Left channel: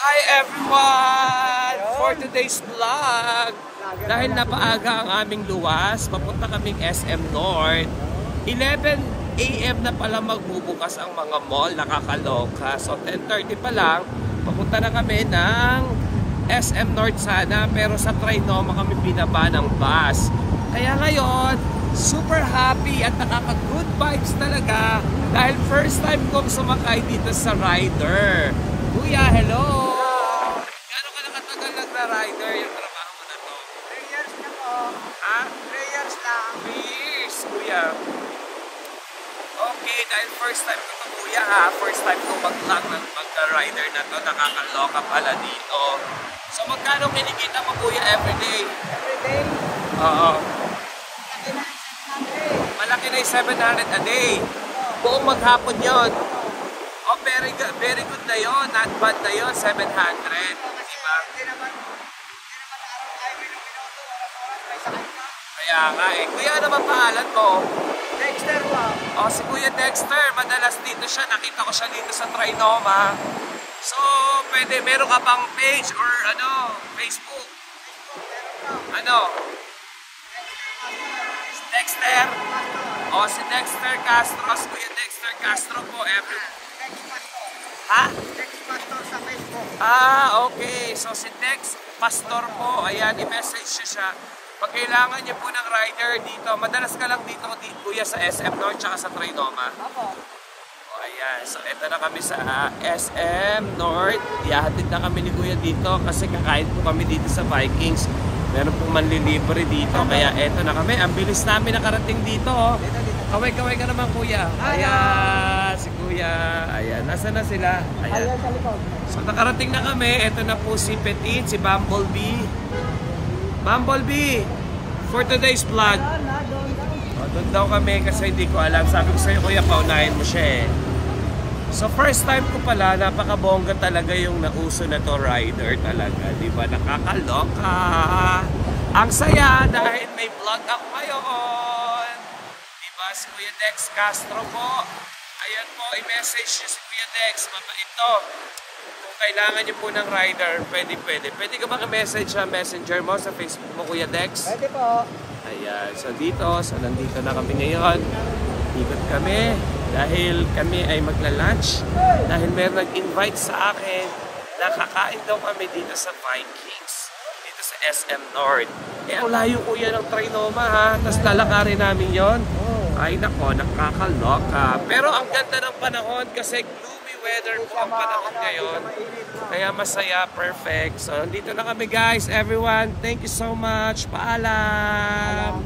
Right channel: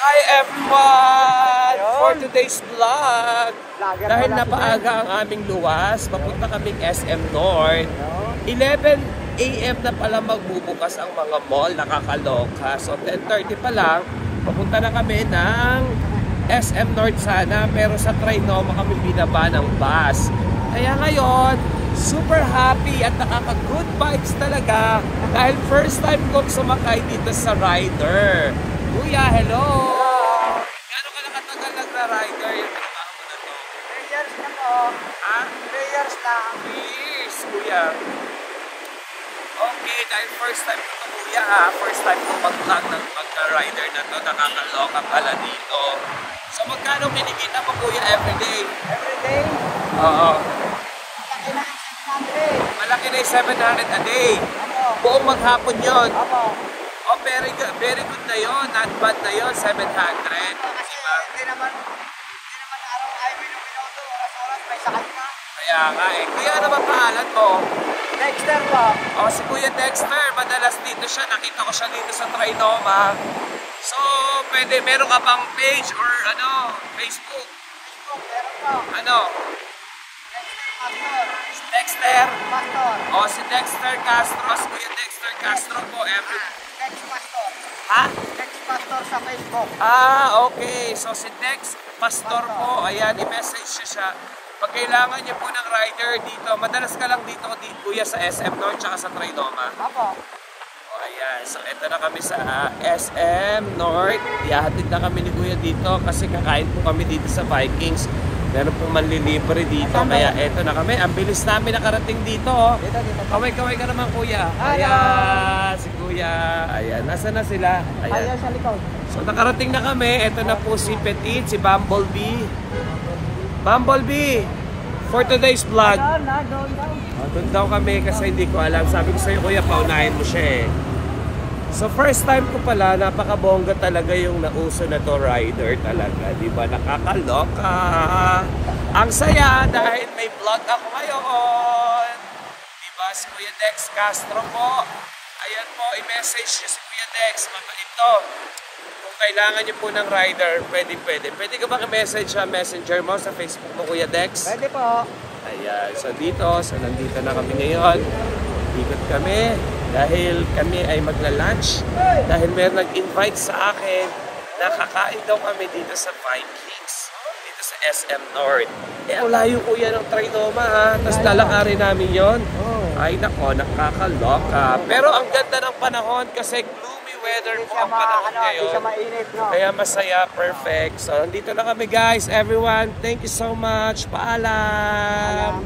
Hi everyone! For today's vlog, dahil napaaga ang aming luwas, papunta kaming SM North. 11 AM na pala magbubukas ang mga mall, nakakaloka. So 10:30 pa lang, papunta na kami ng SM North sana, pero sa Trinoma kami binaba ng bus. Kaya ngayon, super happy at nakaka-good vibes talaga dahil first time kong sumakay dito sa rider. Kuya, hello! Gano'n ka nakatagal nagra-rider yung trabaho mo na to? 3 years na po. Ha? 3 years lang. Please, kuya. Okay, dahil first time ko kuya ha, first time ko mag-vlog ng pagka-rider na to, nakakaloka pala dito. So magkano kinikita mo kuya everyday? Oo. Malaki na yung 700 a day. Buong maghapon yun. Oh, very good na yun. Not bad na yun, 700. Kaya nga eh. Kuya, ano ba pangalan mo? Dexter po. Oh, si Kuya Dexter. Madalas dito siya. Nakita ko siya dito sa Trinoma. So, pwede, meron ka pang page or ano, Facebook? Meron po. Ano? Dexter? Pastor. Oh, si Dexter Castro. Si Kuya Dexter Castro po. Dex Pastor. Ha? Dex Pastor sa Facebook. Ah, okay. So, si Dex Pastor po. Ayan, i-message siya. Pag kailangan niyo po ng rider dito, madalas ka lang dito, kuya, sa SM North tsaka sa Trinoma. Opo. O, ayan. So, eto na kami sa SM North. Ihahatid na kami ni kuya dito kasi kakain po kami dito sa Vikings. Meron pong manlilibre dito. Kaya eto na kami. Ang bilis namin nakarating dito. Oh. Kaway-kaway ka naman, kuya. Ayan, si kuya. Ayan, nasa na sila? Ayan. So, nakarating na kami. Eto na po si Petit, si Bumblebee. Bumblebee, for today's vlog. Doon daw kami kasi hindi ko alam. Sabi ko sa'yo, kuya, paunahin mo siya eh. So, first time ko pala, napakabongga talaga yung nauso na to rider talaga. Diba? Nakakaloka. Ang saya dahil may vlog ako ngayon. Diba? Si Kuya Dex Castro po. Ayan po, i-message niyo si Kuya Dex. Mabait to. Kung kailangan niyo po ng rider, pwede. Pwede ka ba ka-message sa messenger mo, sa Facebook mo, Kuya Dex? Pwede po. Ayan, so nandito na kami ngayon. Dikot kami dahil kami ay magla-lunch. Dahil meron nag-invite sa akin na kakain daw kami dito sa Vikings. Dito sa SM North. Eh, ang layo kuya ng Trinoma ha. Tapos lalakarin namin yon. Ay nako, nakakaloka. Pero ang ganda ng panahon kasi gloomy weather po ang panahon ngayon. Kaya masaya, perfect. So, nandito na kami guys. Everyone, thank you so much. Paalam!